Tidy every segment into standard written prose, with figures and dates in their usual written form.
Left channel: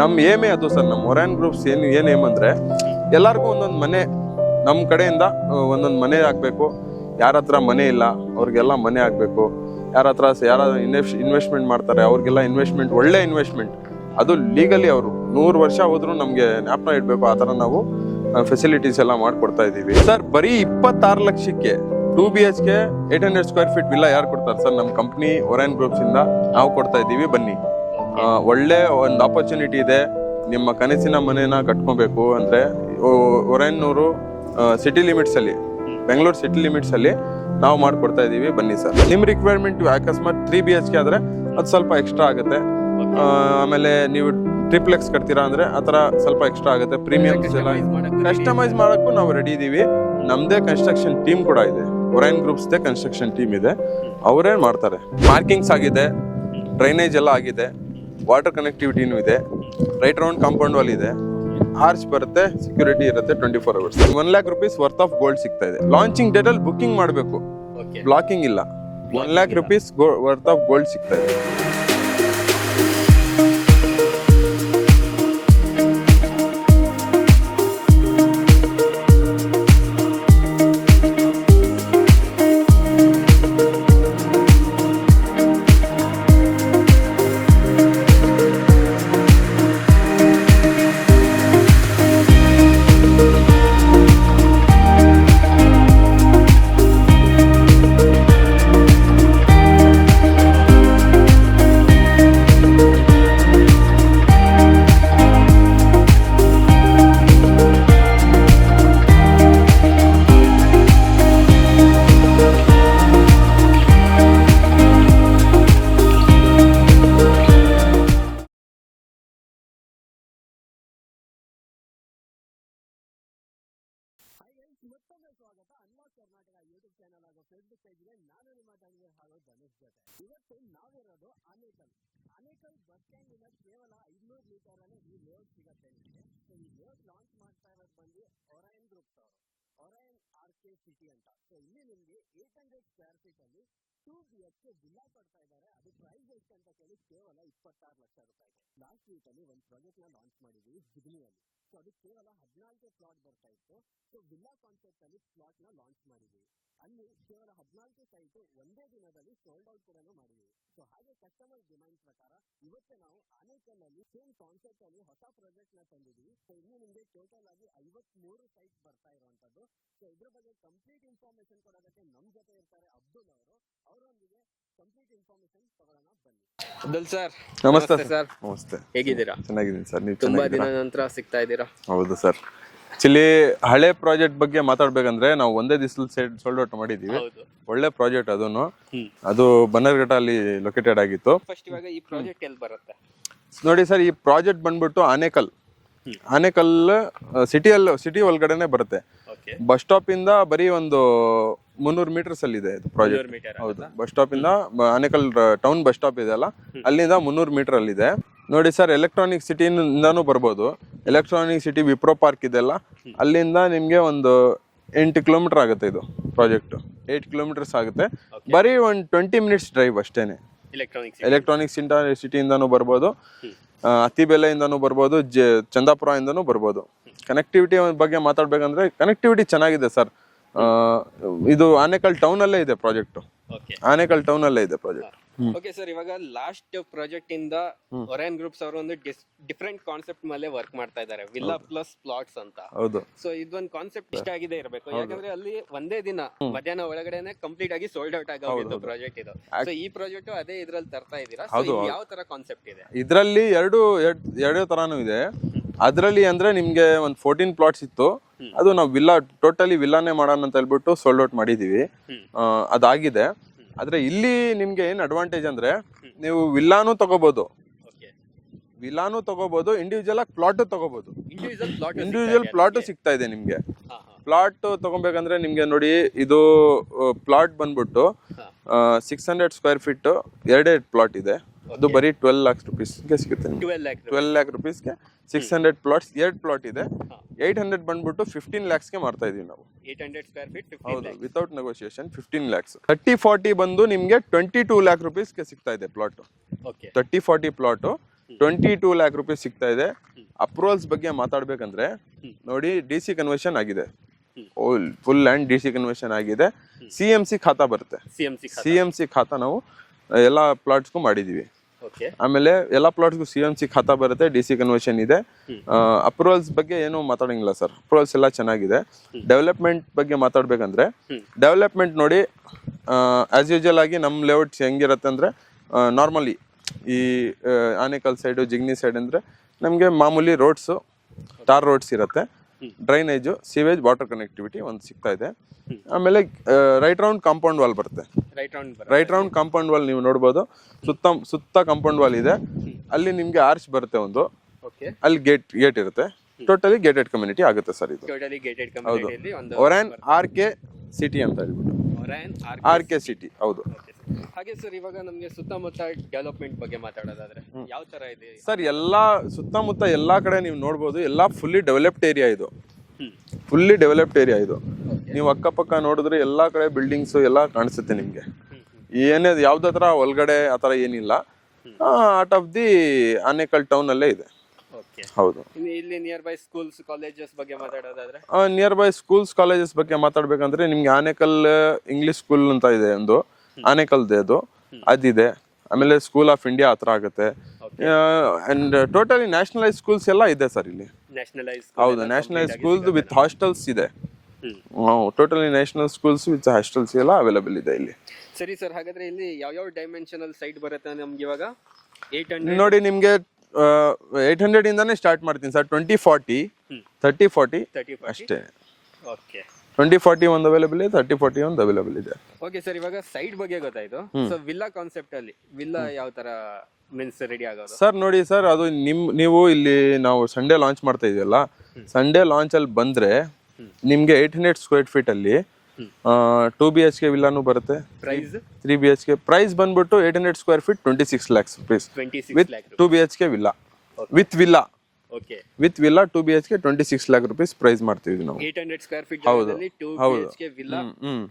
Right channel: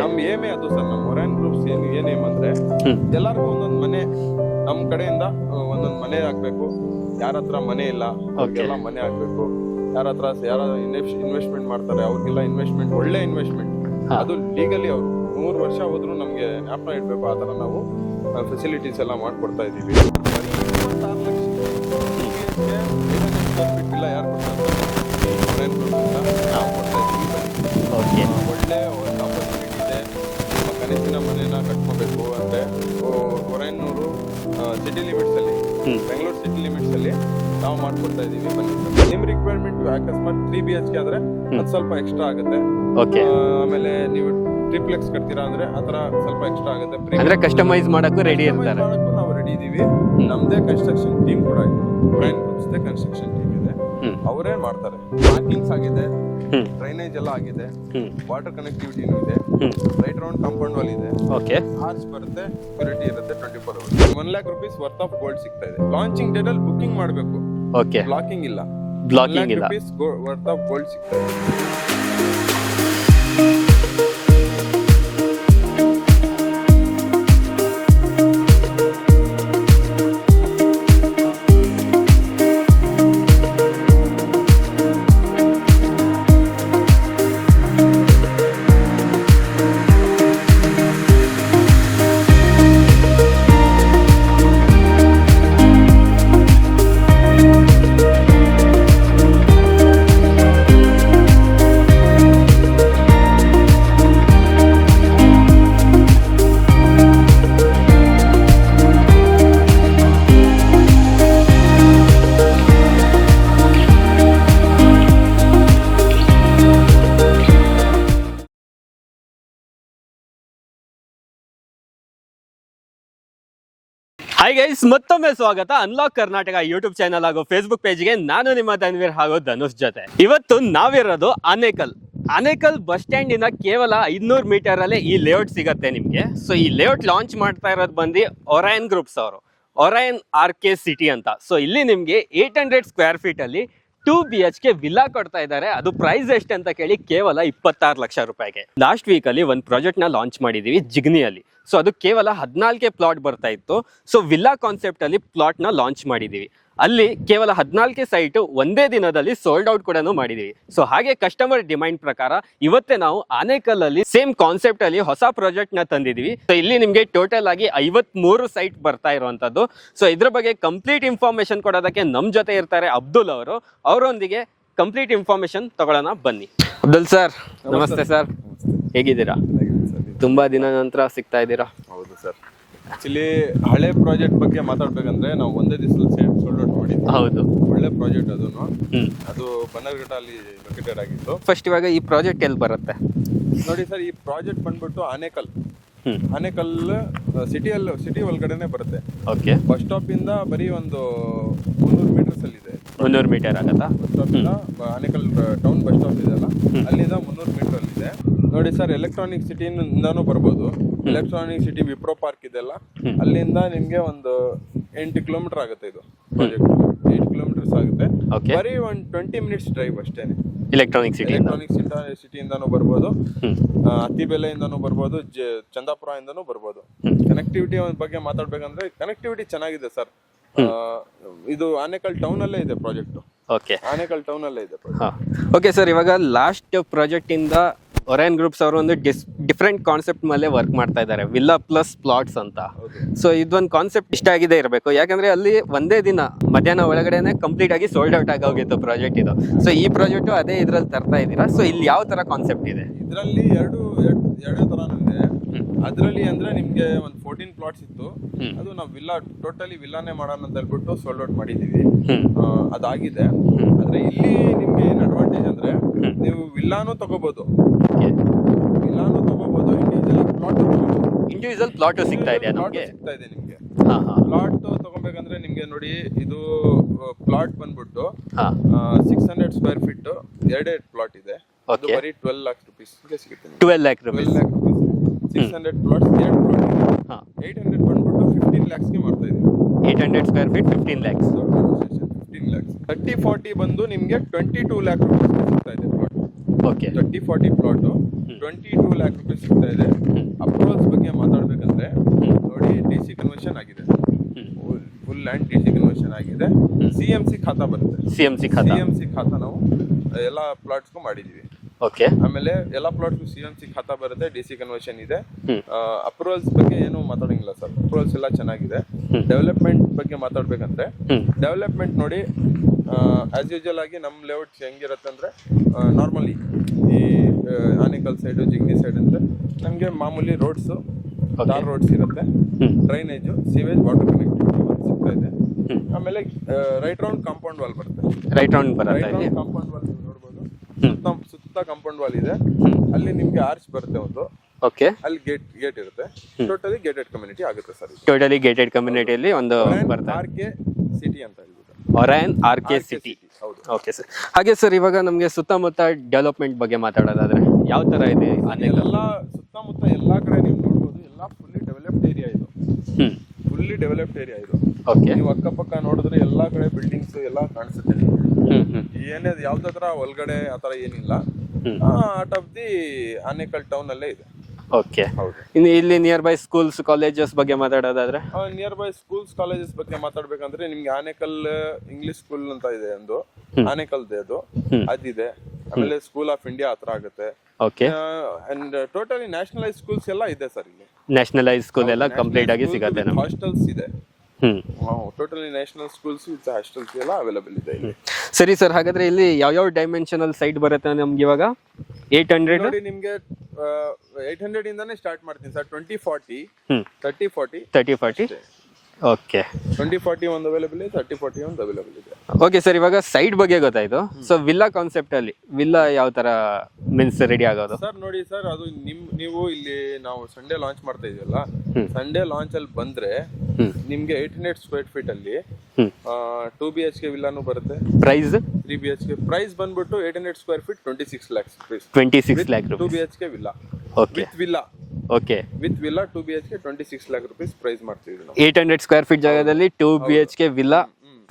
ನಮ್ ಏಮೇ ಅದು ಸರ್, ನಮ್ಮ ಒರಾಯನ್ ಗ್ರೂಪ್ಸ್ ಏನ್ ಏಮ್ ಅಂದ್ರೆ ಎಲ್ಲಾರ್ಗು ಒಂದೊಂದ್ ಮನೆ ನಮ್ ಕಡೆಯಿಂದ ಒಂದೊಂದ್ ಮನೆ ಆಗ್ಬೇಕು. ಯಾರ ಹತ್ರ ಮನೆ ಇಲ್ಲ ಅವ್ರಿಗೆಲ್ಲ ಮನೆ ಆಗ್ಬೇಕು. ಯಾರ ಹತ್ರ ಇನ್ವೆಸ್ಟ್ಮೆಂಟ್ ಮಾಡ್ತಾರೆ ಅವ್ರಿಗೆಲ್ಲ ಇನ್ವೆಸ್ಟ್ಮೆಂಟ್, ಒಳ್ಳೆ ಇನ್ವೆಸ್ಟ್ಮೆಂಟ್, ಅದು ಲೀಗಲಿ ಅವರು 100 ವರ್ಷ ಹೋದ್ರು ನಮ್ಗೆ ಜ್ಞಾಪನ ಇಡ್ಬೇಕು. ಆತರ ನಾವು ಫೆಸಿಲಿಟೀಸ್ ಎಲ್ಲ ಮಾಡ್ಕೊಡ್ತಾ ಇದೀವಿ ಸರ್. ಬರೀ 26 ಲಕ್ಷಕ್ಕೆ 2 BHK 800 ಸ್ಕ್ವೇರ್ ಫೀಟ್ ವಿಲ್ಲ ಯಾರು ಕೊಡ್ತಾರೆ ಸರ್? ನಮ್ಮ ಕಂಪ್ನಿ ಒರಾಯನ್ ಗ್ರೂಪ್ಸ್ ಇಂದ ನಾವು ಕೊಡ್ತಾ ಇದೀವಿ. ಬನ್ನಿ, ಒಳ್ಳೆ ಒಂದು ಆಪರ್ಚುನಿಟಿ ಇದೆ. ನಿಮ್ಮ ಕನಸಿನ ಮನೇನ ಕಟ್ಕೊಬೇಕು ಅಂದ್ರೆ ಒರಾಯನ್ನೂರು ಸಿಟಿ ಲಿಮಿಟ್ಸ್ ಅಲ್ಲಿ, ಬೆಂಗಳೂರು ಸಿಟಿ ಲಿಮಿಟ್ಸ್ ಅಲ್ಲಿ ನಾವು ಮಾಡ್ಕೊಡ್ತಾ ಇದೀವಿ. ಬನ್ನಿ ಸರ್. ನಿಮ್ ರಿಕ್ವೈರ್ಮೆಂಟ್ ಅಕಸ್ಮಾತ್ 3 BHK ಆದ್ರೆ ಅದು ಸ್ವಲ್ಪ ಎಕ್ಸ್ಟ್ರಾ ಆಗುತ್ತೆ. ಆಮೇಲೆ ನೀವು ಟ್ರಿಪ್ಲೆಕ್ಸ್ ಕಟ್ತೀರಾ ಅಂದ್ರೆ ಆತರ ಸ್ವಲ್ಪ ಎಕ್ಸ್ಟ್ರಾ ಆಗುತ್ತೆ. ಪ್ರೀಮಿಯಂ ಕಸ್ಟಮೈಸ್ ಮಾಡಕ್ಕೂ ನಾವು ರೆಡಿ ಇದೀವಿ. ನಮ್ದೇ ಕನ್ಸ್ಟ್ರಕ್ಷನ್ ಟೀಮ್ ಕೂಡ ಇದೆ, Orion groups they construction team ಇದೆ, ಅವರೇ ಮಾಡ್ತಾರೆ. ಪಾರ್ಕಿಂಗ್ಸ್ ಆಗಿದೆ, ಡ್ರೈನೇಜ್ ಎಲ್ಲ ಆಗಿದೆ, ವಾಟರ್ ಕನೆಕ್ಟಿವಿಟಿನೂ ಇದೆ, ರೈಟ್ ರೌಂಡ್ ಕಾಂಪೌಂಡ್ ವಾಲ್ ಇದೆ, ಆರ್ಚ್ ಬರುತ್ತೆ, ಸೆಕ್ಯೂರಿಟಿ ಇರುತ್ತೆ 24 hours. 1 lakh rupees worth of gold ಸಿಗ್ತಾ ಇದೆ. ಲಾಂಚಿಂಗ್ ಡೇಟ್ ಅಲ್ಲಿ ಬುಕಿಂಗ್ ಮಾಡಬೇಕು, ಬ್ಲಾಕಿಂಗ್ ಇಲ್ಲ. 1 lakh rupees worth of gold ಸಿಗ್ತಾ ಇದೆ. ಹಾಯ್ ಗೈಸ್, ಮತ್ತೊಮ್ಮೆ ಸ್ವಾಗತ ಅನ್ಲಾಕ್ ಕರ್ನಾಟಕ ಯೂಟ್ಯೂಬ್ ಚಾನಲ್ ಹಾಗೂ ಫೇಸ್ಬುಕ್ ಪೇಜ್ಗೆ. ನಾನು ನಿಮ್ಮ ಧನ್ವೀರ್ ಹಾಗೂ ಧನುಷ್ ಜೊತೆ. ಇವತ್ತು ನಾವಿರೋದು ಆನೇಕಲ್ ಬಸ್ ಸ್ಟ್ಯಾಂಡ್ ಇಂದ ಕೇವಲ 500 ಮೀಟರ್ ಅಲ್ಲೇ ಈ ಲೇಔಟ್ ಸಿಗತ್ತೆ ನಿಮ್ಗೆ. ಸೊ ಈ ಲೇಔಟ್ ಲಾಂಚ್ ಮಾಡ್ತಾ ಇರೋದು ಬಂದು ಒರಾಯನ್ ಗ್ರೂಪ್ಸ್ ಅವರು, ಒರಾಯನ್ RK ಸಿಟಿ ಅಂತ. ಸೊ ಇಲ್ಲಿ ನಿಮ್ಗೆ 800 ಸ್ಕ್ವೇರ್ ಫೀಟ್ ಅಲ್ಲಿ 2 BHK ವಿಲ್ಲಾ ಕೊಡ್ತಾ ಇದ್ದಾರೆ. ಅದು ಪ್ರೈಸ್ ಎಷ್ಟು ಅಂತ ಕೇಳಿ ಕೇವಲ 26 ಲಕ್ಷ ರೂಪಾಯಿಗೆ. ಲಾಸ್ಟ್ ವೀಕ್ ಅಲ್ಲಿ ಒಂದು ಪ್ರಾಜೆಕ್ಟ್ ನ ಲಾಂಚ್ ಮಾಡಿದೀವಿ ಜಿಗ್ನಿಯಲ್ಲಿ. ಸೊ ಅದು ಕೇವಲ 14 ಪ್ಲಾಟ್ ಬರ್ತಾ ಇತ್ತು. ಸೊ ವಿಲ್ಲಾ ಕಾನ್ಸೆಪ್ಟ್ ಅಲ್ಲಿ ಪ್ಲಾಟ್ ನ ಲಾಂಚ್ ಮಾಡಿದೀವಿ. ಅಲ್ಲಿ ಕೇವಲ 14 ಸೈಟ್ ಒಂದೇ ದಿನದಲ್ಲಿ ಸೋಲ್ಡ್ ಔಟ್ ಕೂಡ ಮಾಡಿದೀವಿ. ಸೊ ಹಾಗೆ ಕಸ್ಟಮರ್ ಡಿಮ್ಯಾಂಡ್ ಪ್ರಕಾರ ಇವತ್ತೇ ನಾವು ಆನೇಕಲ್ ಅಲ್ಲಿ ಸೇಮ್ ಕಾನ್ಸೆಪ್ಟ್ ಅಲ್ಲಿ ಹೊಸ ಪ್ರಾಜೆಕ್ಟ್ ನ ತಂದಿದೀವಿ. ಸೊ ಇಲ್ಲಿ ನಿಮ್ಗೆ ಟೋಟಲ್ ಆಗಿ 53 ಸೈಟ್ ಬರ್ತಾ ಇರುವಂತದ್ದು. ಸೊ ಇದ್ರ ಬಗ್ಗೆ ಕಂಪ್ಲೀಟ್ ಇನ್ಫಾರ್ಮೇಶನ್ ಕೊಡೋದಕ್ಕೆ ನಮ್ ಜೊತೆ ಇರ್ತಾರೆ ಅಬ್ದುಲ್ ಅವರು. ಅವರೊಂದಿಗೆ ಕಂಪ್ಲೀಟ್ ಇನ್ಫಾರ್ಮೇಶನ್ ತಗೊಳ್ಳೋಣ, ಬನ್ನಿ. ಅಬ್ದುಲ್ ಸರ್, ನಮಸ್ತೆ ಸರ್. ನಮಸ್ತೆ, ಹೇಗಿದ್ದೀರಾ? ಚೆನ್ನಾಗಿದ್ದೀನಿ ಸರ್. ನೀವು ತುಂಬಾ ದಿನ ನಂತರ ಸಿಗ್ತಾ ಇದ್ದೀರಾ. ಹೌದು ಸರ್. ಆಕ್ಚುಲಿ ಹಳೆ ಪ್ರಾಜೆಕ್ಟ್ ಬಗ್ಗೆ ಮಾತಾಡ್ಬೇಕಂದ್ರೆ ನಾವು ಒಂದೇ ದಿವಸದಲ್ಲಿ ಸೋಲ್ಡ್ ಔಟ್ ಮಾಡಿದ್ವಿ. ಹೌದು, ಒಳ್ಳೆ ಪ್ರಾಜೆಕ್ಟ್ ಅದು ಬನ್ನರ್ಘಟ್ಟ ಅಲ್ಲಿ ಲೊಕೇಟೆಡ್ ಆಗಿತ್ತು. ಫಸ್ಟ್ ಇವಾಗ ಈ ಪ್ರಾಜೆಕ್ಟ್ ಎಲ್ಲಿ ಬರುತ್ತೆ ನೋಡಿ ಸರ್, ಈ ಪ್ರಾಜೆಕ್ಟ್ ಬಂದ್ಬಿಟ್ಟು ಆನೇಕಲ್ ಸಿಟಿ ಒಳಗಡೆನೆ ಬರುತ್ತೆ. ಬಸ್ ಸ್ಟಾಪ್ ಇಂದ ಬರೀ ಒಂದು 300 ಮೀಟರ್ಸ್ ಅಲ್ಲಿ ಇದೆ. 300 ಮೀಟರ್ ಆಗುತ್ತಾ? ಬಸ್ ಸ್ಟಾಪ್ ಇಂದ ಆನೇಕಲ್ ಟೌನ್ ಬಸ್ ಸ್ಟಾಪ್ ಇದೆ ಅಲ್ಲ, ಅಲ್ಲಿಂದ 300 ಮೀಟರ್ ಅಲ್ಲಿ ಇದೆ. ನೋಡಿ ಸರ್, ಎಲೆಕ್ಟ್ರಾನಿಕ್ ಸಿಟಿಯಿಂದಾನು ಬರ್ಬೋದು. ಎಲೆಕ್ಟ್ರಾನಿಕ್ ಸಿಟಿ ವಿಪ್ರೋ ಪಾರ್ಕ್ ಇದೆಲ್ಲ, ಅಲ್ಲಿಂದ ನಿಮ್ಗೆ ಒಂದು 8 ಕಿಲೋಮೀಟರ್ ಆಗುತ್ತೆ. ಇದು ಪ್ರಾಜೆಕ್ಟ್ 8 ಕಿಲೋಮೀಟರ್ಸ್ ಆಗುತ್ತೆ. ಬರೀ ಒಂದು 20 ಮಿನಿಟ್ಸ್ ಡ್ರೈವ್ ಅಷ್ಟೇನೆ. ಎಲೆಕ್ಟ್ರಾನಿಕ್ ಸಿಟಿಯಿಂದಾನು ಬರ್ಬೋದು, ಅತ್ತಿಬೆಲೆಯಿಂದಾನು ಬರ್ಬೋದು, ಚಂದಾಪುರ ಇಂದಾನು ಬರ್ಬೋದು. ಕನೆಕ್ಟಿವಿಟಿ ಬಗ್ಗೆ ಮಾತಾಡ್ಬೇಕಂದ್ರೆ ಕನೆಕ್ಟಿವಿಟಿ ಚೆನ್ನಾಗಿದೆ ಸರ್. ಇದು ಆನೇಕಲ್ ಟೌನ್ ಅಲ್ಲೇ ಇದೆ ಪ್ರಾಜೆಕ್ಟ್. ಆನೇಕಲ್ ಟೌನ್ ಅಲ್ಲೇ ಇದೆ ಪ್ರಾಜೆಕ್ಟ್. ಓಕೆ ಸರ್, ಇವಾಗ ಲಾಸ್ಟ್ ಪ್ರಾಜೆಕ್ಟ್ ಇಂದ ಒರಾಯನ್ ಗ್ರೂಪ್ಸ್ ಅವರು ಒಂದು ಡಿಫ್ರೆಂಟ್ ಕಾನ್ಸೆಪ್ಟ್ ಮೇಲೆ ವರ್ಕ್ ಮಾಡ್ತಾ ಇದ್ದಾರೆ, ವಿಲ್ಲಾ ಪ್ಲಸ್ ಪ್ಲಾಟ್ಸ್ ಅಂತ. ಹೌದು. ಸೊ ಇದೊಂದು ಕಾನ್ಸೆಪ್ಟ್ ಇಷ್ಟ ಆಗಿದೆ ಇರಬೇಕು, ಯಾಕಂದ್ರೆ ಅಲ್ಲಿ ಒಂದೇ ದಿನ ಮಧ್ಯಾಹ್ನ ಒಳಗಡೆನೆ ಕಂಪ್ಲೀಟ್ ಆಗಿ ಸೋಲ್ಡ್ ಔಟ್ ಆಗಿ ಹೋಗಿತ್ತು ಪ್ರಾಜೆಕ್ಟ್ ಇದು. ಸೊ ಈ ಪ್ರಾಜೆಕ್ಟ್ ಅದೇ ಇದ್ರಲ್ಲಿ ತರ್ತಾ ಇದ್ದೀರಾ. ಸೊ ಇಲ್ಲಿ ಯಾವ ತರ ಕಾನ್ಸೆಪ್ಟ್ ಇದೆ? ಇದ್ರಲ್ಲಿ ಎರಡು ತರಾನು ಇದೆ. ಅದ್ರಲ್ಲಿ ಅಂದ್ರೆ ನಿಮ್ಗೆ ಒಂದು 14 ಪ್ಲಾಟ್ಸ್ ಇತ್ತು. ಅದು ನಾವು ಟೋಟಲಿ ವಿಲ್ಲಾನೇ ಮಾಡೋಣ ಅಂತ ಹೇಳ್ಬಿಟ್ಟು ಸೋಲ್ಡ್ ಔಟ್ ಮಾಡಿದೀವಿ. ಅದಾಗಿದೆ. ಆದ್ರೆ ಇಲ್ಲಿ ನಿಮ್ಗೆ ಏನ್ ಅಡ್ವಾಂಟೇಜ್ ಅಂದ್ರೆ ನೀವು ವಿಲ್ಲಾನು ತಗೋಬಹುದು, ಇಂಡಿವಿಜುವಲ್ ಪ್ಲಾಟ್ ತಗೋಬಹುದು. ಇಂಡಿವಿಜುವಲ್ ಪ್ಲಾಟ್ ಸಿಗ್ತಾ ಇದೆ ನಿಮ್ಗೆ. ಪ್ಲಾಟ್ ತಗೋಬೇಕಂದ್ರೆ ನಿಮ್ಗೆ ನೋಡಿ, ಇದು ಪ್ಲಾಟ್ ಬಂದ್ಬಿಟ್ಟು 600 ಸ್ಕ್ವೇರ್ ಫೀಟ್ 2 ಪ್ಲಾಟ್ ಇದೆ. ಅದು ಬರೀ 12 lakhs rupeesಗೆ ಸಿಗುತ್ತೆ. 12 lakh rupeesಗೆ 600 ಪ್ಲಾಟ್ಸ್ 2 ಪ್ಲಾಟ್ ಇದೆ. 800 ಬಂದ್ಬಿಟ್ಟು 15 lakhsಗೆ ಮಾಡ್ತಾ ಇದೀವಿ. 800 square feet 15 lakhs without negotiation 15 lakhs. 30-40 ಬಂದು ನಿಮ್ಗೆ 22 lakh rupeesಗೆ ಸಿಗ್ತಾ ಇದೆ ಪ್ಲಾಟ್. 30-40 ಪ್ಲಾಟ್ 22 lakh rupees ಸಿಗ್ತಾ ಇದೆ. ಅಪ್ರೂವಲ್ಸ್ ಬಗ್ಗೆ ಮಾತಾಡ್ಬೇಕಂದ್ರೆ ನೋಡಿ, DC ಕನ್ವರ್ಷನ್ ಆಗಿದೆ, ಫುಲ್ ಲ್ಯಾಂಡ್ DC ಕನ್ವರ್ಷನ್ ಆಗಿದೆ. CMC ಖಾತಾ ಬರುತ್ತೆ. CMC ಖಾತಾ ನಾವು ಎಲ್ಲ ಪ್ಲಾಟ್ಸ್ಗೂ ಮಾಡಿದೀವಿ. ಓಕೆ, ಆಮೇಲೆ ಎಲ್ಲ ಪ್ಲಾಟ್ಸ್ಗೂ CMC ಖಾತಾ ಬರುತ್ತೆ, DC ಕನ್ವರ್ಷನ್ ಇದೆ. ಅಪ್ರೂವಲ್ಸ್ ಬಗ್ಗೆ ಏನು ಮಾತಾಡಂಗಿಲ್ಲ ಸರ್, ಅಪ್ರೂವಲ್ಸ್ ಎಲ್ಲ ಚೆನ್ನಾಗಿದೆ. ಡೆವಲಪ್ಮೆಂಟ್ ಬಗ್ಗೆ ಮಾತಾಡ್ಬೇಕಂದ್ರೆ ಡೆವಲಪ್ಮೆಂಟ್ ನೋಡಿ, ಆಸ್ ಯೂಶುವಲ್ ಆಗಿ ನಮ್ಮ ಲೇಔಟ್ಸ್ ಹೆಂಗಿರುತ್ತೆ ಅಂದ್ರೆ ನಾರ್ಮಲಿ ಈ ಆನೇಕಲ್ ಸೈಡು, ಜಿಗ್ನಿ ಸೈಡ್ ಅಂದ್ರೆ ನಮಗೆ ಮಾಮೂಲಿ ರೋಡ್ಸು, ಟಾರ್ ರೋಡ್ಸ್ ಇರುತ್ತೆ, ಡ್ರೈನೇಜು, ಸೀವೇಜ್, ವಾಟರ್ ಕನೆಕ್ಟಿವಿಟಿ ಒಂದು ಸಿಗ್ತಾ ಇದೆ. ಆಮೇಲೆ ರೈಟ್ ರೌಂಡ್ ಕಾಂಪೌಂಡ್ ವಾಲ್ ಬರುತ್ತೆ. ರೈಟ್ ರೌಂಡ್ ಕಾಂಪೌಂಡ್ ವಾಲ್ ನೀವು ನೋಡ್ಬೋದು, ಸುತ್ತ ಕಾಂಪೌಂಡ್ ವಾಲ್ ಇದೆ. ಅಲ್ಲಿ ನಿಮ್ಗೆ ಆರ್ಚ್ ಬರುತ್ತೆ ಒಂದು. ಓಕೆ, ಅಲ್ಲಿ ಗೇಟ್ ಇರುತ್ತೆ. ಟೋಟಲಿ ಗೇಟೆಡ್ ಕಮ್ಯುನಿಟಿ ಆಗುತ್ತೆ ಸರ್ ಇದು. ಟೋಟಲಿ ಗೇಟೆಡ್ ಕಮ್ಯುನಿಟಿಯಲ್ಲಿ ಒಂದು RK ಸಿಟಿ ಅಂತ ಹೇಳ್ಬಿಟ್ಟು. RK ಸಿಟಿ, ಹೌದು. Okay sir. ಹಾಗೆ ಸರ್, ಇವಾಗ ನಮಗೆ ಸುತ್ತಮುತ್ತ ಡೆವಲಪ್ಮೆಂಟ್ ಬಗ್ಗೆ ಮಾತಾಡೋದಾದ್ರೆ ಯಾವ ತರ ಇದೆ ಸರ್? ಎಲ್ಲಾ ಸುತ್ತಮುತ್ತ ಎಲ್ಲಾ ಕಡೆ ನೀವು ನೋಡ್ಬೋದು, ಎಲ್ಲಾ ಫುಲ್ಲಿ ಡೆವಲಪ್ಡ್ ಏರಿಯಾ ಇದು. ಫುಲ್ಲಿ ಡೆವಲಪ್ಡ್ ಏರಿಯಾ ಇದು. ನೀವು ಅಕ್ಕಪಕ್ಕ ನೋಡಿದ್ರೆ ಎಲ್ಲಾ ಕಡೆ ಬಿಲ್ಡಿಂಗ್ಸ್ ಎಲ್ಲಾ ಕಾಣಿಸುತ್ತೆ ನಿಮ್ಗೆ. ಏನೇ ಯಾವ್ದು ಹತ್ರ ಒಳಗಡೆ ಆತರ ಏನಿಲ್ಲ. Out of the Anekal town ಅಲ್ಲೇ ಇದೆ. ಓಕೆ, ಹೌದು. ಇನ್ನು ಇಲ್ಲಿ ನಿಯರ್ ಬೈ ಸ್ಕೂಲ್ಸ್, ಕಾಲೇಜಸ್ ಬಗ್ಗೆ ಮಾತಾಡೋದಾದ್ರೆ ನಿಯರ್ ಬೈ ಸ್ಕೂಲ್ಸ್, ಕಾಲೇಜಸ್ ಬಗ್ಗೆ ಮಾತಾಡ್ಬೇಕಂದ್ರೆ ನಿಮ್ಗೆ ಆನೇಕಲ್ ಇಂಗ್ಲಿಷ್ ಸ್ಕೂಲ್ ಅಂತ ಇದೆ ಒಂದು, ಆನೇಕಲ್ದೇ ಅದು, ಅದಿದೆ. ಆಮೇಲೆ ಸ್ಕೂಲ್ ಆಫ್ ಇಂಡಿಯಾ ಹತ್ರ ಆಗುತ್ತೆ. ಅಂಡ್ ಟೋಟಲಿ ನ್ಯಾಷನಲೈಸ್ ಸ್ಕೂಲ್ಸ್ ಎಲ್ಲ ಇದೆ ಸರ್ ಇಲ್ಲಿ. ನ್ಯಾಷನಲೈಸ್ ಸ್ಕೂಲ್ ಎಲ್ಲ ಕಂಪ್ಲೀಟ್ ಆಗಿ ಸಿಗುತ್ತೆ ವಿತ್ ಹಾಸ್ಟೆಲ್ಸ್ ಇದೆ. Totally national schools with hostels ಎಲ್ಲ ಅವೈಲೇಬಲ್ ಇದೆ ಇಲ್ಲಿ. ಸರಿ ಸರ್, ಹಾಗಾದ್ರೆ ಇಲ್ಲಿ ಯಾವ ಡೈಮೆನ್ಷನಲ್ ಸೈಟ್ ಬರುತ್ತೆ ನಮ್ಗೆ ಇವಾಗ? 800 ನೋಡಿ, ನಿಮ್ಗೆ 800 ಇಂದಾನೆ ಸ್ಟಾರ್ಟ್ ಮಾಡ್ತೀನಿ ಸರ್. 2040, 3040. ಓಕೆ, 2040 ಒಂದು ಅವೈಲೇಬಲ್ ಇದೆ, 3040 ಒಂದು ಅವೈಲೇಬಲ್ ಇದೆ. ಓಕೆ ಸರ್, ಇವಾಗ ಸೈಟ್ ಬಗ್ಗೆ ಗೊತ್ತಾಯ್ತು. ಸೊ ವಿಲ್ಲಾ ಕಾನ್ಸೆಪ್ಟ್ ಅಲ್ಲಿ ವಿಲ್ಲಾ ಯಾವ ತರ ಮೀನ್ಸ್ ರೆಡಿ ಆಗೋದು ಸರ್? ನೋಡಿ ಸರ್, ಅದು ನೀವು ಇಲ್ಲಿ ನಾವು ಸಂಡೇ ಲಾಂಚ್ ಮಾಡ್ತಾ ಇದೆಯಲ್ಲ, ಸಂಡೇ ಲಾಂಚ್ ಅಲ್ಲಿ ಬಂದ್ರೆ ನಿಮ್ಗೆ 800 ಸ್ಕ್ವೇರ್ ಫೀಟ್ ಅಲ್ಲಿ 2 BHK ವಿಲ್ಲಾನು ಬರುತ್ತೆ. ಪ್ರೈಸ್ 3 BHK ಪ್ರೈಸ್ ಬಂದ್ಬಿಟ್ಟು 800 square feet 26 lakhs rupees. 26 lakh 2 BHK villa with villa. Okay, with villa 2 BHK 26 lakh rupees price ಮಾಡ್ತೀವಿ ನಾವು. 800 ಸ್ಕ್ವೇರ್ ಫೀಟ್ ಜಾಗದಲ್ಲಿ 2 BHK ವಿಲ್ಲಾ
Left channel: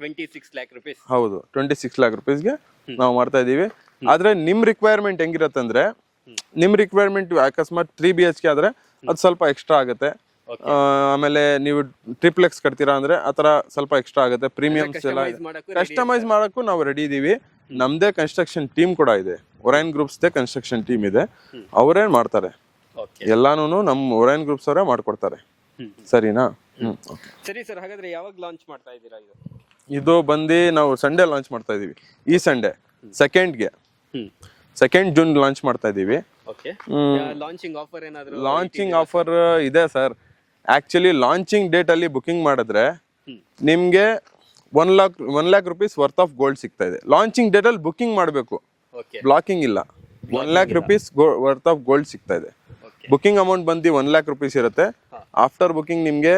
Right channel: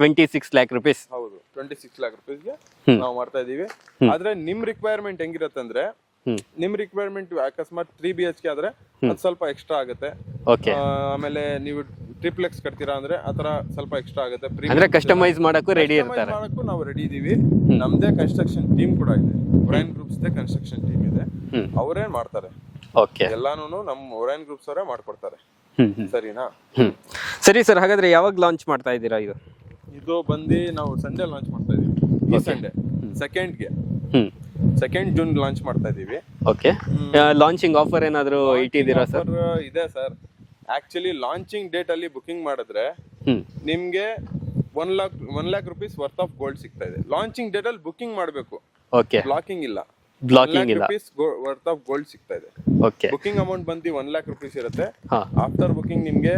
26 lakh rupees. ಹೌದು, 26 lakh rupees ಗೆ ನಾವು ಮಾಡ್ತಾ ಇದೀವಿ. ಆದ್ರೆ ನಿಮ್ ರಿಕ್ವೈರ್ಮೆಂಟ್ ಹೆಂಗಿರುತ್ತೆ ಅಂದ್ರೆ, ನಿಮ್ ರಿಕ್ವೈರ್ಮೆಂಟ್ ಅಕಸ್ಮಾತ್ 3 BHK ಆದ್ರೆ ಅದು ಸ್ವಲ್ಪ ಎಕ್ಸ್ಟ್ರಾ ಆಗುತ್ತೆ. ಆಮೇಲೆ ನೀವು ಟ್ರಿಪ್ಲೆಕ್ಸ್ ಕಟ್ತೀರಾ ಅಂದ್ರೆ ಆತರ ಸ್ವಲ್ಪ ಎಕ್ಸ್ಟ್ರಾ ಆಗುತ್ತೆ. ಪ್ರೀಮಿಯಂ ಕಸ್ಟಮೈಸ್ ಮಾಡಕ್ಕೂ ನಾವು ರೆಡಿ ಇದೀವಿ. ನಮ್ದೇ ಕನ್ಸ್ಟ್ರಕ್ಷನ್ ಟೀಮ್ ಕೂಡ ಇದೆ, Orion groups they construction team ಇದೆ, ಅವರೇ ಮಾಡ್ತಾರೆ. ಎಲ್ಲಾನು ನಮ್ ಒರೈನ್ ಗ್ರೂಪ್ಸ್ ಅವರೇ ಮಾಡ್ಕೊಡ್ತಾರೆ. ಸರಿನಾ? ಸರಿ ಸರ್, ಹಾಗಾದ್ರೆ ಯಾವಾಗ ಲಾಂಚ್ ಮಾಡ್ತಾ ಇದ್ದೀರಾ? ಇದು ಬಂದು ನಾವು ಸಂಡೇ ಲಾಂಚ್ ಮಾಡ್ತಾ ಇದೀವಿ. ಈ ಸಂಡೇ 2nd June ಲಾಂಚ್ ಮಾಡ್ತಾ ಇದೀವಿ. ಓಕೆ, ಲಾಂಚಿಂಗ್ ಆಫರ್ ಏನಾದ್ರು? ಲಾಂಚಿಂಗ್ ಆಫರ್ ಇದೆ ಸರ್. ಆಕ್ಚುಲಿ ಲಾಂಚಿಂಗ್ ಡೇಟ್ ಅಲ್ಲಿ ಬುಕಿಂಗ್ ಮಾಡಿದ್ರೆ ನಿಮ್ಗೆ 1 lakh rupees worth of gold ಸಿಗ್ತಾ ಇದೆ. ಲಾಂಚಿಂಗ್ ಡೇಟ್ ಅಲ್ಲಿ ಬುಕಿಂಗ್ ಮಾಡಬೇಕು. ಓಕೆ, ಬ್ಲಾಕಿಂಗ್ ಇಲ್ಲ. 1 lakh rupees worth of gold ಸಿಗ್ತಾ ಇದೆ. ಓಕೆ, ಬುಕಿಂಗ್ ಅಮೌಂಟ್ ಬಂದು 1 lakh rupees ಇರುತ್ತೆ. ಆಫ್ಟರ್ ಬುಕಿಂಗ್ ನಿಮ್ಗೆ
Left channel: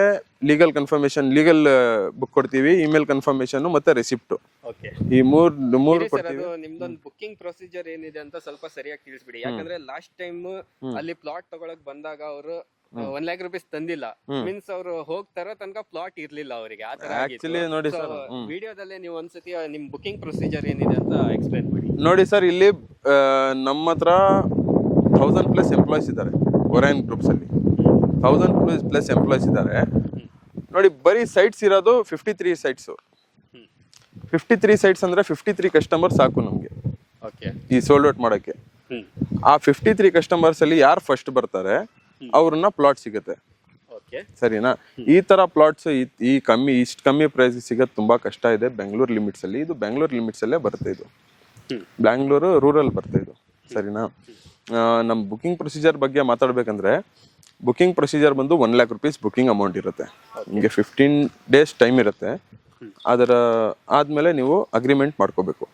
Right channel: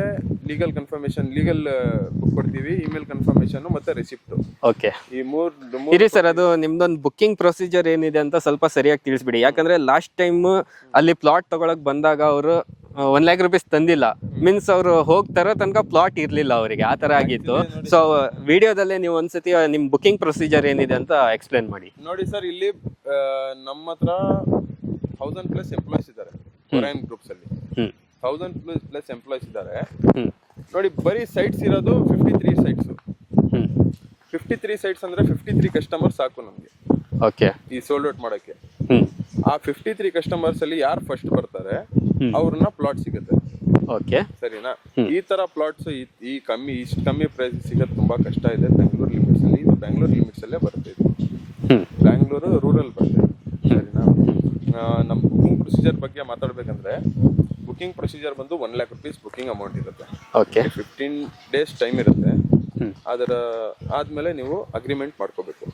ಲೀಗಲ್ ಕನ್ಫರ್ಮೇಶನ್, ಲೀಗಲ್ ಬುಕ್ ಕೊಡ್ತೀವಿ, ಇಮೇಲ್ ಕನ್ಫರ್ಮೇಶನ್ ಮತ್ತೆ ರೆಸಿಪ್ಟ್. ಓಕೆ, ಈ ಮೂರು ಸರ್, ಅದು ನಿಮ್ದೊಂದು ಬುಕಿಂಗ್ ಪ್ರೊಸೀಜರ್ ಏನಿದೆ ಅಂತ ಸ್ವಲ್ಪ ಸರಿಯಾಗಿ ತಿಳಿಸ್ಬಿಡಿ. ಯಾಕಂದ್ರೆ ಲಾಸ್ಟ್ ಟೈಮ್ ಅಲ್ಲಿ ಪ್ಲಾಟ್ ತಗೊಳಕ್ ಬಂದಾಗ ಅವರು 1 lakh rupees ತಂದಿಲ್ಲ. ಮೀನ್ಸ್ ಅವರು ಹೋಗ್ತಾರೋ ತನಕ ಪ್ಲಾಟ್ ಇರ್ಲಿಲ್ಲ ಅವರಿಗೆ, ಆ ತರ ಆಗಿತ್ತು. ಸೊ ವಿಡಿಯೋದಲ್ಲೇ ನೀವು ಒಂದ್ಸತಿ ನಿಮ್ ಬುಕಿಂಗ್ ಪ್ರೊಸೀಜರ್ ಏನಿದೆ ಅಂತ ಎಕ್ಸ್ಪ್ಲೇನ್ ಮಾಡಿ. ನೋಡಿ ಸರ್, ಇಲ್ಲಿ ನಮ್ಮ ಹತ್ರ 1000+ ಎಂಪ್ಲಾಯ್ಸ್ ಇದ್ದಾರೆ ಒರೈನ್ ಗ್ರೂಪ್ಸ್ ಅಲ್ಲಿ. 1000+ ಎಂಪ್ಲಾಯ್ಸ್ ಇದ್ದಾರೆ. ನೋಡಿ, ಬರೀ ಸೈಟ್ಸ್ ಇರೋದು 53 ಸೈಟ್ಸ್. 53 ಸೈಟ್ಸ್ ಅಂದ್ರೆ 53 ಕಸ್ಟಮರ್ ಸಾಕು ನಮ್ಗೆ. ಓಕೆ, ಈ ಸೋಲ್ಡ್ ಔಟ್ ಮಾಡಕ್ಕೆ. ಆ 53 ಕಸ್ಟಮರ್ಸ್ ಅಲ್ಲಿ ಯಾರು ಫಸ್ಟ್ ಬರ್ತಾರೆ ಅವ್ರನ್ನ ಪ್ಲಾಟ್ ಸಿಗುತ್ತೆ. ಓಕೆ, ಸರಿನಾ? ಈ ತರ ಪ್ಲಾಟ್ಸ್ ಇಷ್ಟು ಕಮ್ಮಿ ಪ್ರೈಸ್ ಸಿಗೋದು ತುಂಬಾ ಕಷ್ಟ ಇದೆ ಬೆಂಗಳೂರು ಲಿಮಿಟ್ಸ್ ಅಲ್ಲಿ. ಇದು ಬೆಂಗಳೂರು ಲಿಮಿಟ್ಸ್ ಅಲ್ಲೇ ಬರುತ್ತೆ. ಇದು ಬ್ಯಾಂಗ್ಳೂರು ರೂರಲ್ ಬರುತ್ತೆ. ಸರಿನಾ? ನಮ್ಮ ಬುಕಿಂಗ್ ಪ್ರೊಸೀಜರ್ ಬಗ್ಗೆ ಮಾತಾಡ್ಬೇಕಂದ್ರೆ, ಬುಕಿಂಗ್ ಪ್ರೊಸೀಜರ್ ಬಂದು 1 lakh rupees ಬುಕಿಂಗ್ ಅಮೌಂಟ್ ಇರುತ್ತೆ. 15 days ಟೈಮ್ ಇರುತ್ತೆ. ಅದರ ಆದ್ಮೇಲೆ ನೀವು ಅಗ್ರಿಮೆಂಟ್ ಮಾಡ್ಕೋಬೇಕು.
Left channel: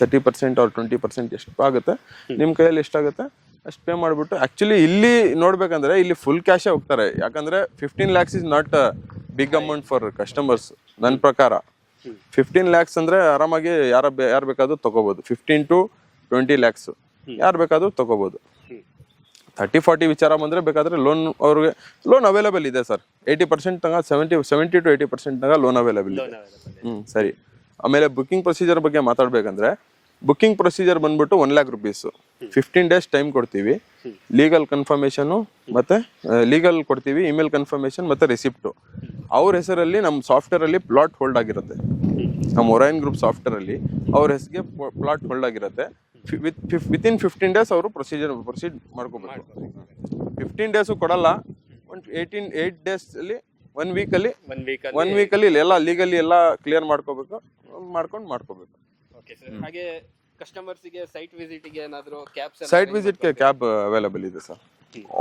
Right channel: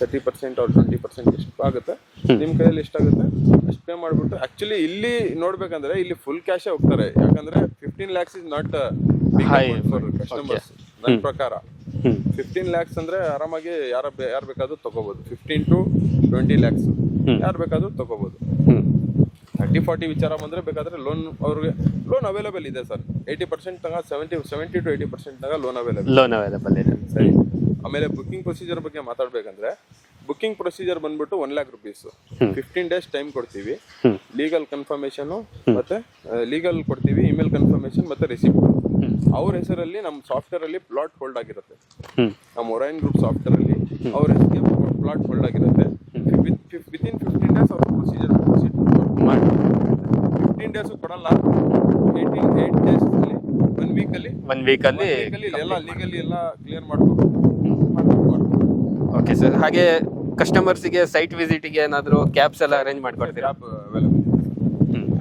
30% or 20% ಎಷ್ಟು ಆಗುತ್ತೆ ನಿಮ್ ಕೈಯಲ್ಲಿ ಎಷ್ಟಾಗುತ್ತೆ ಅಷ್ಟು ಪೇ ಮಾಡ್ಬಿಟ್ಟು. ಆಕ್ಚುಲಿ ಇಲ್ಲಿ ನೋಡ್ಬೇಕಂದ್ರೆ ಇಲ್ಲಿ ಫುಲ್ ಕ್ಯಾಶ್ ಹೋಗ್ತಾರೆ. ಯಾಕಂದ್ರೆ 15 lakhs is not big amount for customers. ನನ್ನ ಪ್ರಕಾರ 15 lakhs ಅಂದ್ರೆ ಆರಾಮಾಗಿ ಯಾರು ಬೇಕಾದ್ರೂ ತಗೋಬಹುದು. 15 to 20 lakhs ಯಾರು ಬೇಕಾದ್ರೂ ತಗೋಬಹುದು. 30-40 ವಿಚಾರ ಬಂದ್ರೆ ಬೇಕಾದ್ರೆ ಅವ್ರಿಗೆ ಲೋನ್ ಅವೈಲೇಬಲ್ ಇದೆ ಸರ್. 80% ತನಕ 70 to 80% ತನಕ ಲೋನ್ ಅವೈಲೇಬಲ್ ಇದೆ. ಸರಿ, ಆಮೇಲೆ ಬುಕಿಂಗ್ ಪ್ರೊಸೀಜರ್ ಬಗ್ಗೆ ಮಾತಾಡ್ಬೇಕಂದ್ರೆ ಬುಕ್ಕಿಂಗ್ ಪ್ರೊಸೀಜರ್ ಬಂದ್ಬಿಟ್ಟು 1 lakh rupees. 15 days ಟೈಮ್ ಕೊಡ್ತೀವಿ. ಲೀಗಲ್ ಕನ್ಫರ್ಮೇಶನ್ ಮತ್ತೆ ಲೀಗಲ್ ಕೊಡ್ತೀವಿ, ಇಮೇಲ್ ಕನ್ಫರ್ಮೇಶನ್ ಮತ್ತೆ ರಿಸಿಪ್ಟ್. ಅವ್ರ ಹೆಸರಲ್ಲಿ ನಮ್ಮ ಸಾಫ್ಟ್ವೇರ್ ಅಲ್ಲಿ ಪ್ಲಾಟ್ ಹೋಲ್ಡ್ ಆಗಿರುತ್ತೆ. ನಮ್ಮ ಒರೈನ್ ಗ್ರೂಪ್ ಸಾಫ್ಟ್ವೇರ್ ಅಲ್ಲಿ ಅವ್ರ ಹೆಸರಿಗೆ ಪ್ಲಾಟ್ ಹೋಲ್ಡ್ ಆಗಿರುತ್ತೆ. ವಿತಿನ್ 15 days ಅವರು ಪ್ರೊಸೀಡ್ ಮಾಡ್ಕೊಂಡು 15 days ಕೊಡಲ್ಲ. 8 days ಅಲ್ಲಿ 1 week ಅಲ್ಲಿ ಎಲ್ಲ ಲೀಗಲಿ ಎಲ್ಲ ಕ್ಲಿಯರ್ ಮಾಡ್ಕೋಬೇಕು. ಮಾಡ್ಕೊಂಡು ಓಕೆ ಸರ್. ಹಾಗೆ ಕಸ್ಟಮರ್ಸ್ಗೆ ಸೈಟ್ ವಿಸಿಟ್ಗೆ ಏನಾದರೂ ಕ್ಯಾಬ್ಸ್ ಎಲ್ಲ ಸೈಟ್ ವಿಸಿಟ್ ಕ್ಯಾಬ್ ಅವೈಲೇಬಲ್ ಇದೆ sir,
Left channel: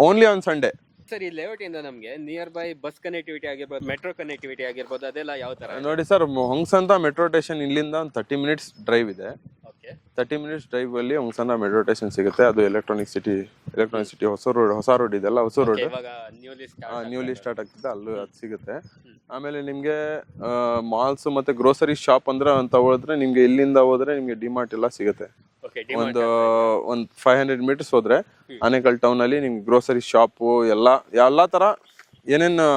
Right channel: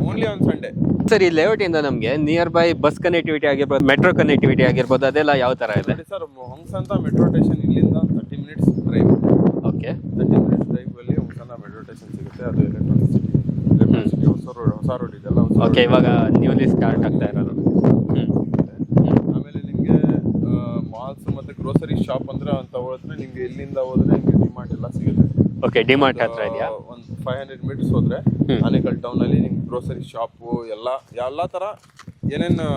only on Sunday. Sir ಈ ಲೇಔಟ್ ಇಂದ ನಮಗೆ ನಿಯರ್ ಬೈ ಬಸ್ ಕನೆಕ್ಟಿವಿಟಿ ಆಗಿರ್ಬೋದು, ಮೆಟ್ರೋ ಕನೆಕ್ಟಿವಿಟಿ ಆಗಿರ್ಬೋದು, ಅದೆಲ್ಲ ಯಾವ ತರ ಇದೆ ನೋಡಿ ಸರ್. ಹೊಂಗಸಂದ್ರ ಮೆಟ್ರೋ ಸ್ಟೇಷನ್ ಇಲ್ಲಿಂದ ಒಂದು 30 minutes ಡ್ರೈವ್ ಇದೆ. ಓಕೆ, 30 minutes ಡ್ರೈವ್ ಅಲ್ಲಿ ಹೊಂಗಸಂದ್ರ ಮೆಟ್ರೋ ಸ್ಟೇಷನ್ ಸಿಗುತ್ತೆ. ಅದು ಎಲೆಕ್ಟ್ರಾನಿಕ್ ಸಿಟಿ ಹೊಸ ರೋಡ್ ಇದೆಲ್ಲ ಹೊಸ ರೋಡ್. ಇವಾಗ ನ್ಯೂಲಿ ಸ್ಟಾರ್ಟ್ ಆಗಿದೆ, ಅದು ಸಿಗುತ್ತೆ. ಆಮೇಲೆ ನಿಮಗೆ ಮಾಲ್ಸ್ ಮತ್ತೆ ಗ್ರೋಸರಿ ಶಾಪ್ ಅಂದ್ರೆ ಅಂತ ಹೋದ್ರೆ ನಿಮ್ಗೆ ಇಲ್ಲಿಂದ ಹೋದ್ರೆ ನಿಮ್ಗೆ ಡಿಮಾರ್ಟ್ ಎಲ್ಲ ಸಿಗುತ್ತೆ. ಓಕೆ, ಡಿಮಾರ್ಟ್ ಒಂದು 500 meters ಹೋದ್ರೆ ಆನೇಕಲ್ ಟೌನ್ ಅಲ್ಲಿ ನಿಮ್ಗೆ ಗ್ರೋಸರಿ ಶಾಪ್ ಎಲ್ಲಾ ತರ ಏನೇನು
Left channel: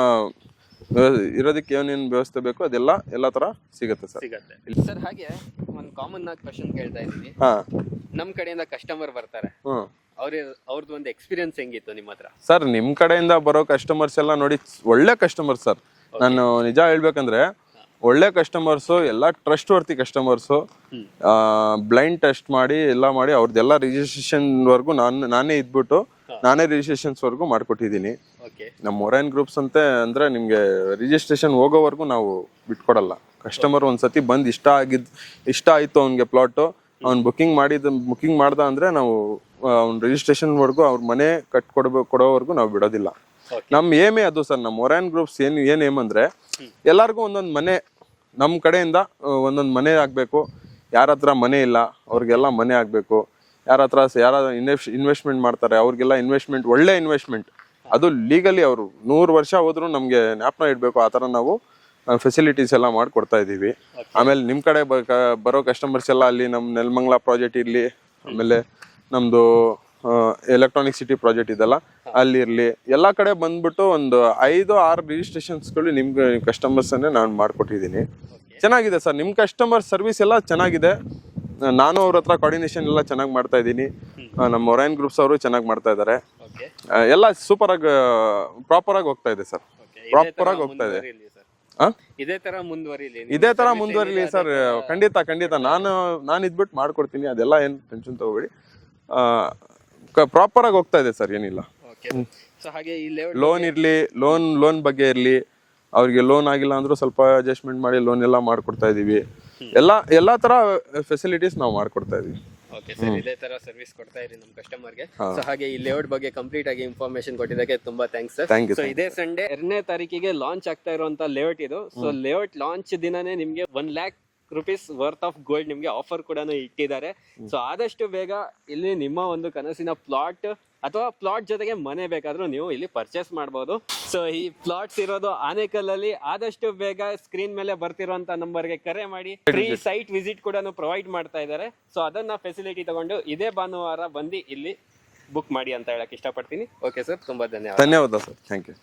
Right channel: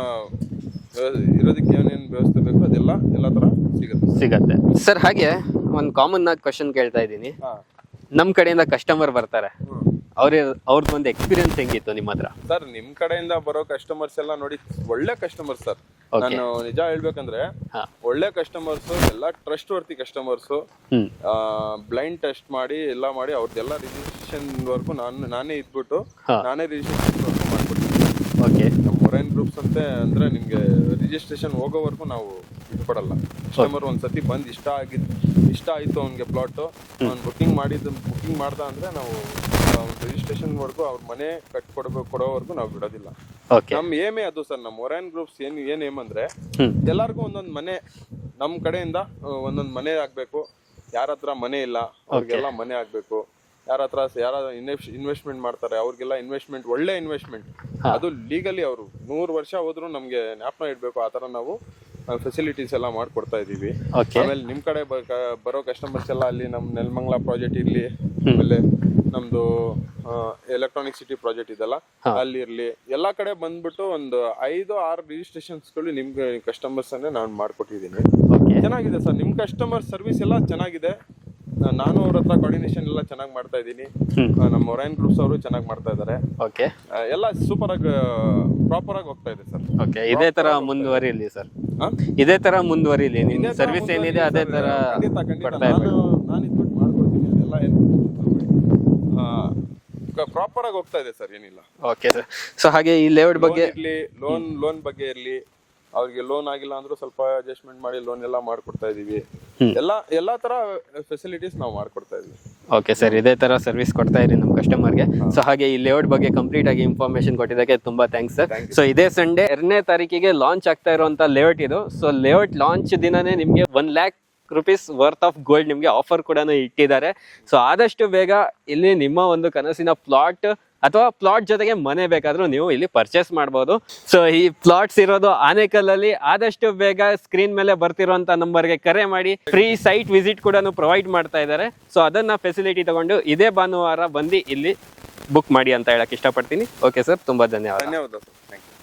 ಇರೋದಕ್ಕೆ ಏನೇನು ವ್ಯವಸ್ಥೆ ಬೇಕು ಎಲ್ಲ ತರ ಸಿಗುತ್ತೆ ಸರ್. ಹಾಗೆ ಒಂದು ಕಾಮನ್ ಆಗಿ ಕ್ವಶನ್ ಕೇಳ್ತಾ ಇದ್ದೀನಿ. ನಮ್ ಕಡೆಯಿಂದ ಕಸ್ಟಮರ್ ಬರ್ತಾರೆ, ಅವ್ರದ್ದೊಂದು ಎಕ್ಸ್ಪೀರಿಯನ್ಸ್ ಹೆಂಗಿತ್ತು ನಿಮ್ಮ ಹತ್ರ? ಸರ್ ನಿಮ್ ಕಡೆಯಿಂದ ಬರೋ ಕಸ್ಟಮರ್ಸ್ ಎಲ್ಲ ನೋಡಿ ಒಳ್ಳೆ ಕಸ್ಟಮರ್ ಸರ್. ನಾನು ನಿಜ ಹೇಳ್ಬೇಕಂದ್ರೆ ಒಳ್ಳೆ ಕಸ್ಟಮರ್ಸ್, ಎಲ್ಲ ಟ್ರಸ್ಟ್ ವರ್ತಿ ಕಸ್ಟಮರ್ಸ್. ಬ್ಲೈಂಡ್ ಟೆಸ್ಟ್ ಮಾಡಿ ಎಲ್ಲ ಮಾಡಿ ಅವ್ರದ್ದೆಲ್ಲ ರಿಜಿಸ್ಟ್ರೇಷನ್ ವರ್ಗು ನಾನೇ ಇದ್ಬಿಟ್ಟು ನಾನೇ ರಿಜಿಸ್ಟ್ರೇಷನ್ ವರ್ಗು ಮಾಡ್ಕೊಟ್ಟಿದ್ದೀನಿ. ಓಕೆ, ನಮ್ಮ ಒರೈನ್ ಗ್ರೂಪ್ಸ್ ಅಂತ ಅಂದ್ರೆ ನಿಮ್ಗೆ ರಿಜಿಸ್ಟ್ರೇಷನ್ ಹೋಗೋವರೆಗೂ ನಾವು ಬಿಟ್ಕೊಡಲ್ಲ. ಕಸ್ಟಮರ್ ಒಂದ್ಸತಿ ಬಂದು ಇಷ್ಟ ಆಯ್ತು ಅವ್ನಿಗೆ ಪ್ಲಾಟ್, ಅವ್ನು ಬುಕ್ಕಿಂಗ್ ಮಾಡ್ದ ಅಂದ್ರೆ ನಾವು ಅವ್ನ ರಿಜಿಸ್ಟ್ರೇಷನ್ ವರ್ಗು ಅವ್ರ ಮನೆ ಕೊಡೋವರೆಗೂ ನಾವು ಬಿಡೋದಿಲ್ಲ. ನಮ್ ಏಮೇ ಅದು ಸರ್. ನಮ್ಮ ಒರೈನ್ ಗ್ರೂಪ್ಸ್ ಏನ್ ಏಮ್ ಅಂದ್ರೆ ಎಲ್ಲಾರ್ಗು ಒಂದೊಂದ್ ಮನೆ, ನಮ್ ಕಡೆಯಿಂದ ಒಂದೊಂದ್ ಮನೆ ಆಗ್ಬೇಕು. ಯಾರ ಹತ್ರ ಮನೆ ಇಲ್ಲ ಅವ್ರಿಗೆಲ್ಲ ಮನೆ ಆಗ್ಬೇಕು. ಯಾರ ಇನ್ವೆಸ್ಟ್ಮೆಂಟ್ ಮಾಡ್ತಾರೆ ಅವ್ರಿಗೆಲ್ಲ ಒಳ್ಳೆ ಇನ್ವೆಸ್ಟ್ಮೆಂಟ್, ಅದು ಲೀಗಲಿ ಅವರು 100 ವರ್ಷ ಹೋದ್ರು ನಮ್ಗೆ ಜ್ಞಾಪನ ಇಡ್ಬೇಕು. ಆ ತರ ನಾವು ಫೆಸಿಲಿಟೀಸ್ ಎಲ್ಲ ಮಾಡ್ಕೊಡ್ತಾ ಇದೀವಿ. ಆಮೇಲೆ ನಿಮ್ ಕಡೆ ಬರೋ ಕಸ್ಟಮರ್ಸ್ ಎಲ್ಲ ಅಲ್ಲಿ ನಮ್ ನೆಲಮಂಗಲ ಪ್ರಾಜೆಕ್ಟ್ ಇರ್ಲಿ, ಆಮೇಲೆ ನಮ್ದು ಎಲೆಕ್ಟ್ರಾನಿಕ್ ಸಿಟಿ ಪ್ರಾಜೆಕ್ಟ್ ಇದೆಲ್ಲ ಅಲ್ಲಿ ಇರ್ಲಿ, ಎಲ್ಲಾ ಕಡೆ ಬಂದ್ಬಿಟ್ಟು ಒಂದು 5-6 ರಿಜಿಸ್ಟ್ರೇಷನ್ಸ್ಗಳು ನಿಮ್ಗೆ ಕಸ್ಟಮರ್ಸ್ ಅನ್ನೇ ನಾನು ಮಾಡ್ಕೊಟ್ಟಿದ್ದೀನಿ. ಚೆನ್ನಾಗಿದೆ ಸರ್, ನಿಮ್ ಕಸ್ಟಮರ್ ಸರ್ವಿಸ್ ಎಲ್ಲ ಚೆನ್ನಾಗಿದೆ. ನಾನು ಅವ್ರ ಹತ್ರ ಕೋಆರ್ಡಿನೇಷನ್ ಎಲ್ಲ ಚೆನ್ನಾಗಿ ಮಾಡ್ತಾ ಇದ್ದೀನಿ. ನಮ್ಮ ಒರೈನ್ ಗ್ರೂಪ್ಸ್ ಅವರು ಚೆನ್ನಾಗಿ ಮಾಡ್ತಾ ಇದ್ದಾರೆ. ಎಲ್ಲ ಸೂಪರ್ ಆಗಿ ಪ್ರಾಪರ್ ಆಗಿ ಹೋಗ್ತಾ ಇದೆ ಸರ್. ಇದೇ ತರ ಮುಂದುವರಿಲಿ ಸರ್, ಇದೇ ತರ ಮುಂದುವರಿಲಿ ಸರ್. ಖಂಡಿತ ನಾನು ಇದ್ಬಿಟ್ಟು ಮಾಡ್ಕೊಡ್ತೀನಿ. ಅದೆಲ್ಲ ಏನು ಟೆನ್ಷನ್ ತಗೋಬೇಡಿ, ಪ್ರಾಪರ್ ಆಗಿ ಹೋಗ್ತಾ ಇದೆ ಸರ್, ಏನಿಲ್ಲ. Okay sir. ಸೊ ಹಾಗೆ ಈ ಲೇಔಟ್ ಬಗ್ಗೆ ಇರ್ಲಿ, ಲೋನ್ ಬಗ್ಗೆ ಇರ್ಲಿ, ಅವ್ರಿಗೆ ಲೋನ್ ಆಗಿಲ್ಲ ಅಂದ್ರೂ ಸ್ವಲ್ಪ ಅಡ್ಜಸ್ಟ್ಮೆಂಟ್ ಮಾಡಿ ಲೋನ್ ಎಲ್ಲ ಮಾಡ್ಕೊಡ್ತಾ ಇದೀವಿ. ಎಲ್ಲಾ ತರ ಫೆಸಿಲಿಟೀಸ್ ನಾವು ಮಾಡ್ಕೊಡ್ತಾ ಇದೀವಿ. ಓಕೆ ಸರ್, ಇದೇ ತರ ಸರ್ವಿಸ್ ಕೊಡ್ತಾ ಇರಿ ನಮ್ಮ ಕಸ್ಟಮರ್ಗೆ. ಸೊ ಹಾಗೆ ಈ ಲೇಔಟ್ ಬಗ್ಗೆ ಕಂಪ್ಲೀಟ್ ಆಗಿ ಇನ್ಫಾರ್ಮೇಶನ್ ಕೊಟ್ಟಿದ್ದಕ್ಕೆ ತುಂಬಾ ಥ್ಯಾಂಕ್ಸ್ ಸರ್. ಸೊ ಇದೇ ಸಂಡೇ 2ನೇ ತಾರೀಕಿಗೆ ಲಾಂಚ್ ಆಗ್ತಾ ಇರುವಂತ ಲೇಔಟ್ ಇದು. ಸೊ ಲೇಔಟ್ ಲಾಂಚ್ ದಿನನೇ ನಿಮ್ಗೆ 1 lakh rupees worth of gold ನಿಮ್ಗೆ ಆಫರ್ ಕೂಡ ಇಟ್ಟಿದ್ದಾರೆ. ಸೊ ಆದಷ್ಟು ಬೇಗ ಇಲ್ಲಿ ನಿಮ್ಮ ಒಂದು ಕನಸಿನ ಪ್ಲಾಟ್ ಅಥವಾ ಪ್ಲಾಟ್ ಜೊತೆಗೆ ಮನೆ ಬೇಕಾದ್ರೂ ನೀವು ಇಲ್ಲಿ ಪರ್ಚೇಸ್ ಮಾಡಬಹುದು. ಸೊ ಈ ಪ್ಲಾಟ್ಸ್ ಇರೋದು ಆನೇಕಲ್ ಅಲ್ಲಿ. ಆದಷ್ಟು ಬೇಗ ಸ್ಕ್ರೀನ್ ಮೇಲೆ ಬರ್ತಿರುವಂತ ನಂಬರ್ಗೆ ಕರೆ ಮಾಡಿ. ಫ್ರೀ ಸೈಟ್ ವಿಸಿಟ್ ಕೂಡ ಪ್ರೊವೈಡ್ ಮಾಡ್ತಾ ಇದ್ದಾರೆ. ಸೊ ಅದನ್ನ ಫೆಸಿಲಿಟಿ ತಗೊಂಡು ಇದೇ ಭಾನುವಾರ ಬಂದು ಇಲ್ಲಿ ಬುಕ್ ಮಾಡಿ ಅಂತ ಹೇಳಕ್ ಇಷ್ಟಪಡ್ತೀನಿ. ಓಕೆ ಸರ್, ತುಂಬಾ ಧನ್ಯವಾದ ಸರ್. Thank you.